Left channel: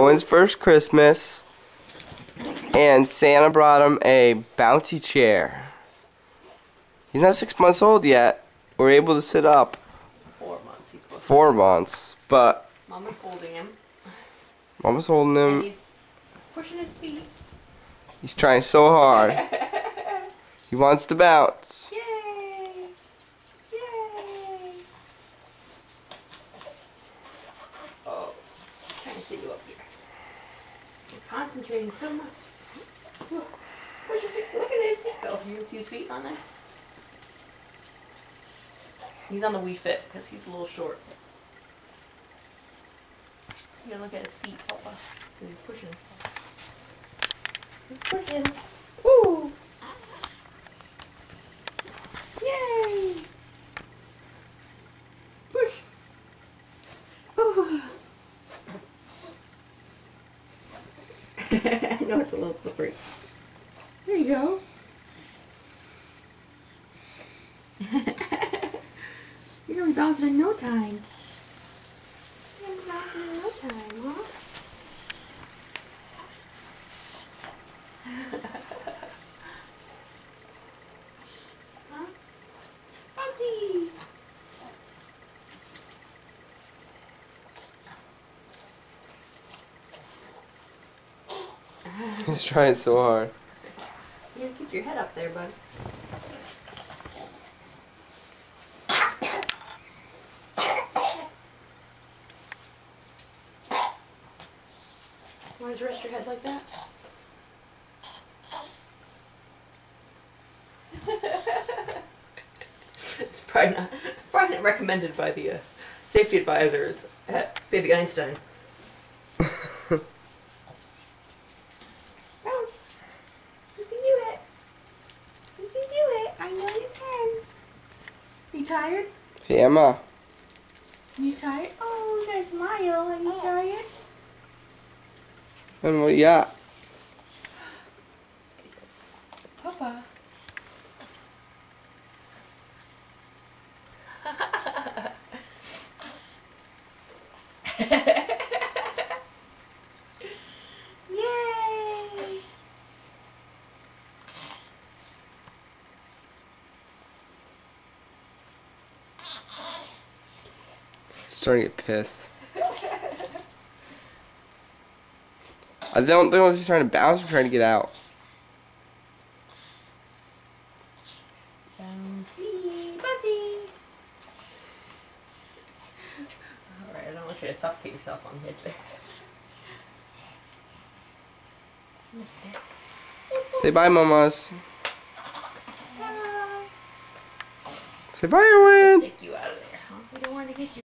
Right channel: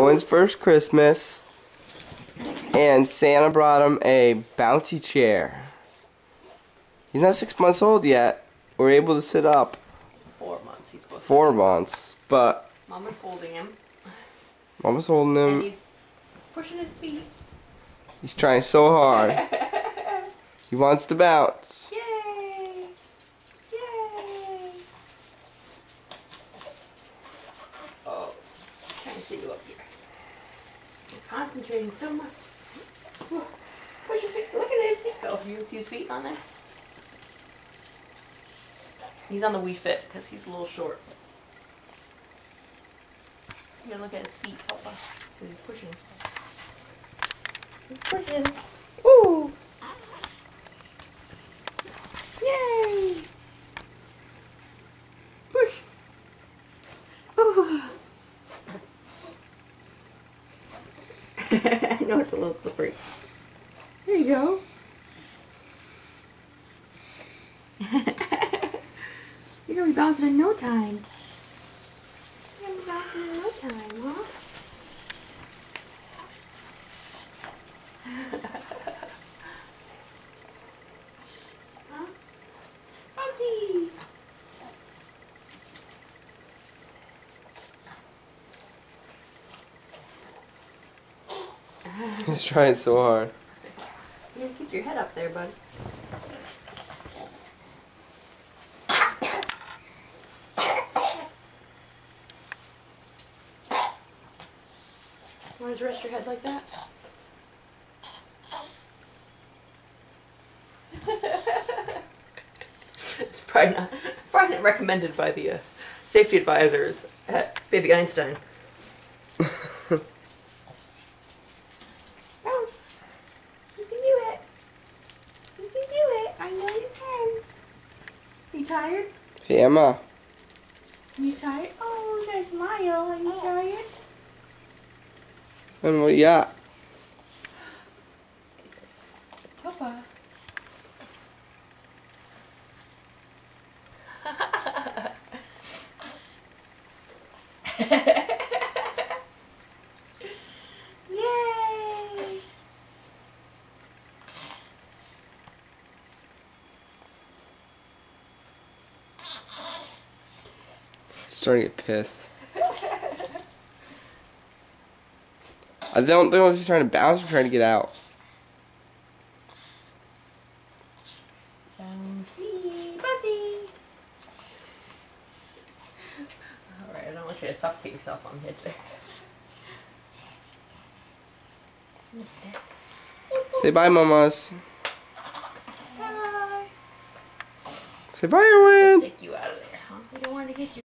Owen's first Christmas, and Santa brought him a bouncy chair. He's not 6 months old yet. We're able to sit up. 4 months he's supposed to. 4 months, but Mama's holding him. Mama's holding him. And he's pushing his feet. He's trying so hard. He wants to bounce. Yay! Yay! Oh, trying to sit you up here. You're concentrating so much. Push your feet. Look at his feet go. You see his feet on there? He's on the Wii Fit because he's a little short. You gotta look at his feet, Papa. Because he's pushing. He's pushing. Woo! Yay! Push! Ooh. I know it's a little slippery. There you go. You're gonna be bouncing in no time. You're gonna be bouncing in no time, huh? Huh? Bouncy! He's trying so hard. You gotta keep your head up there, bud. Want to rest your head like that? It's probably not recommended by the safety advisors at Baby Einstein. Bounce! You can do it! You can do it! I know you can! Are you tired? Hey, Emma. Are you tired? Oh, you gotta smile. Are you tired? And what you got? Papa. Yay! Starting to get pissed. I don't know if he's trying to bounce or trying to get out. Bouncy, bouncy. Alright, I don't want you to suffocate yourself on the edge there. Say bye, mamas. Bye. Say bye, Owen. Take you out of there, huh? We don't want to get you.